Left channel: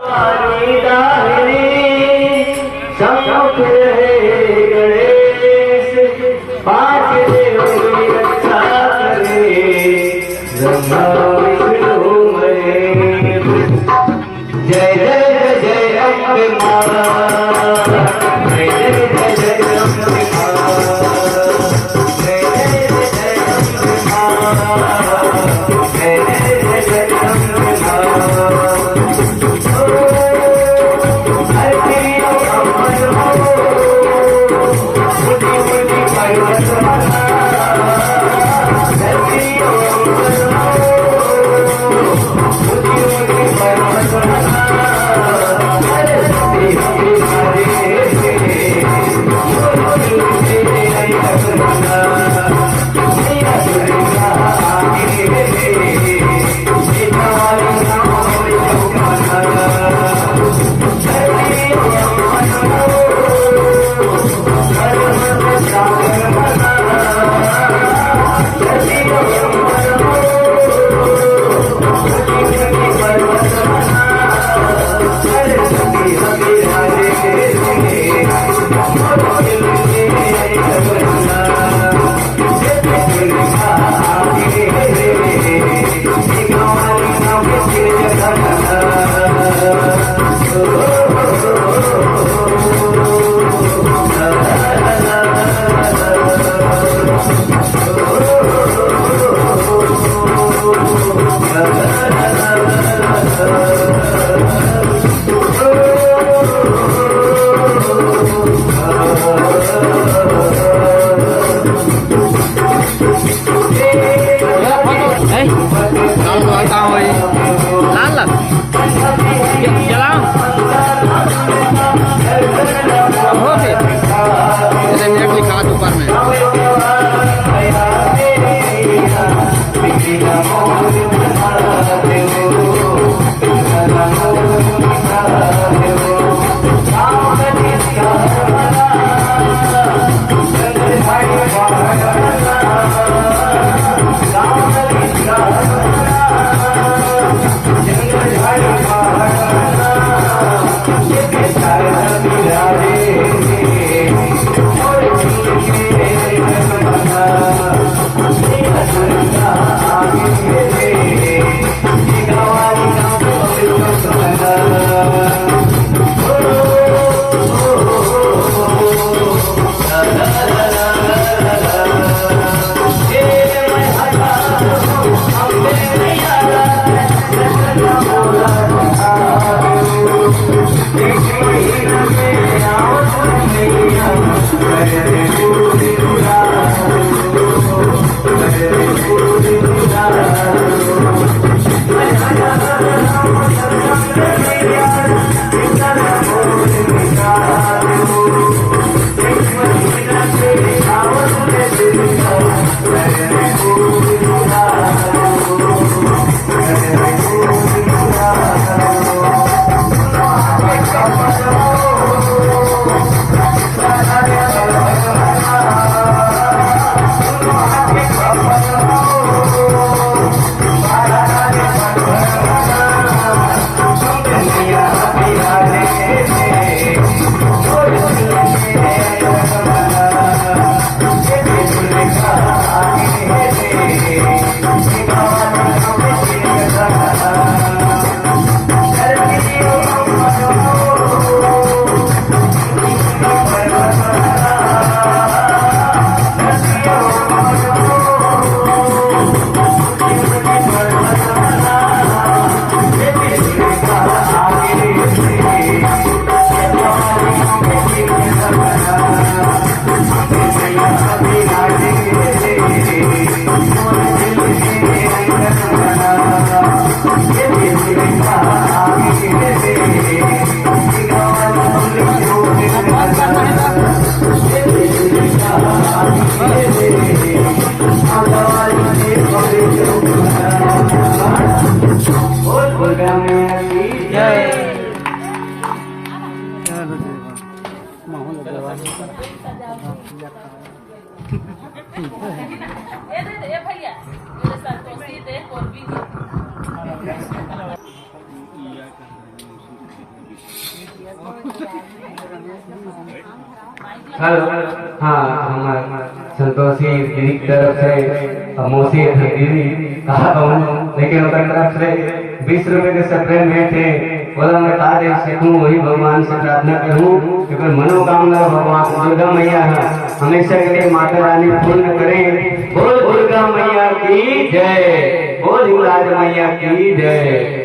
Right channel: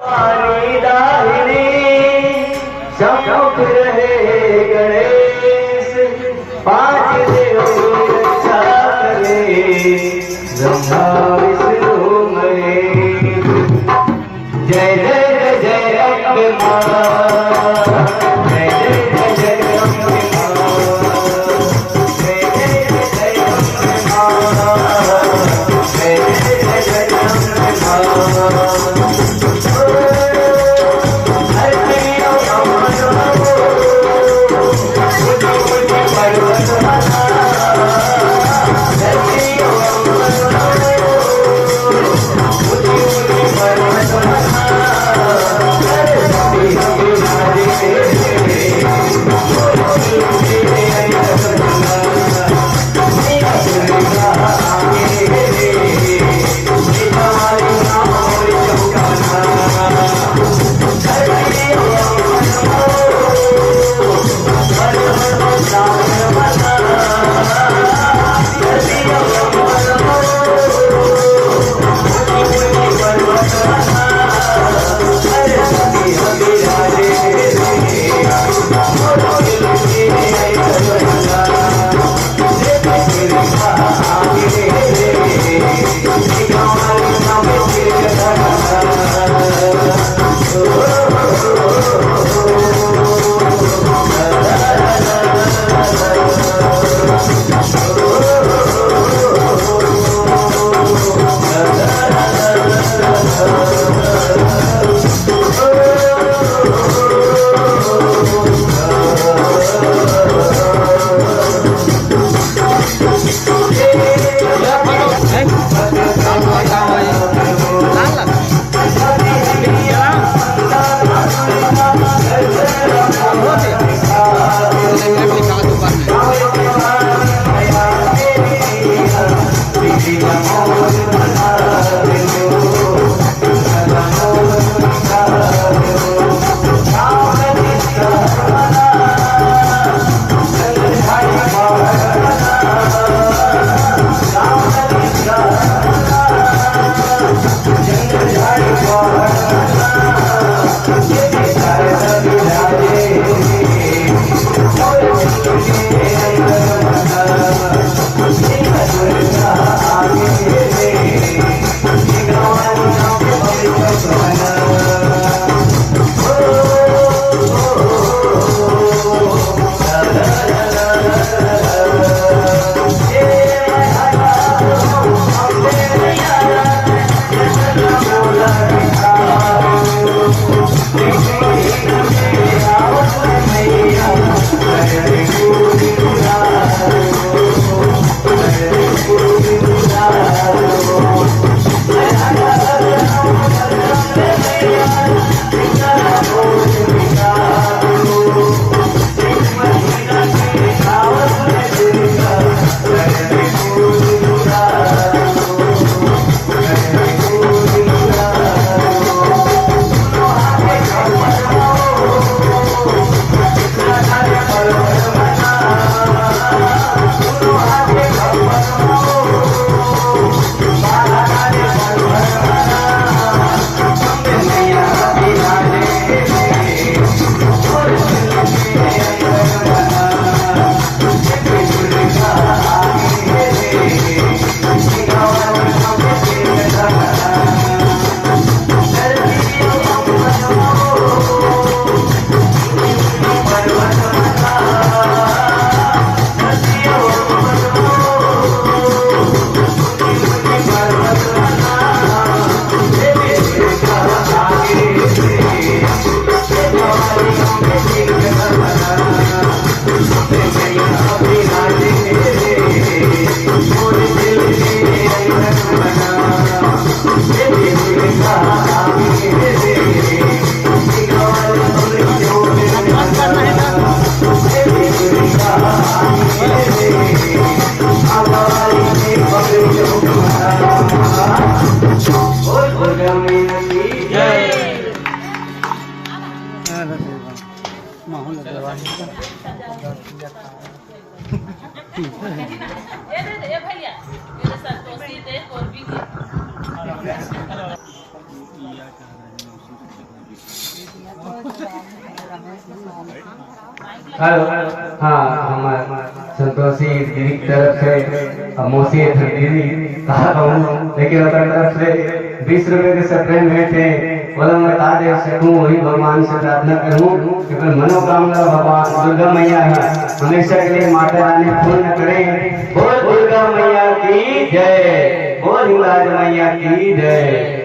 हमारी दाहिनी सम्मुख रहे गणेश, पाँच देवों की रक्षा करे, ब्रह्मा विष्णु महेश। जय जय जय अम्बे माँ, जय जय जय अम्बे माँ, जय जय जय अम्बे माँ, जय जय जय अम्बे माँ। हेलो, हाँ हमारे संतोषी दीदी की तरफ से मौसी दीदी लेकिन उनकी तरफ से 20 रुपए के सप्रेम भेंट है। बोला मैं तादेव से हूँ, वही भगवान से प्रार्थना करूँ लेकिन मनोकामना भगवान दुर्गा मैया है हमेशा के लिए माता रानी पूर्ण करें। बोल दुर्गा मैया की जय, बोल हिंगलाज मैया की जय।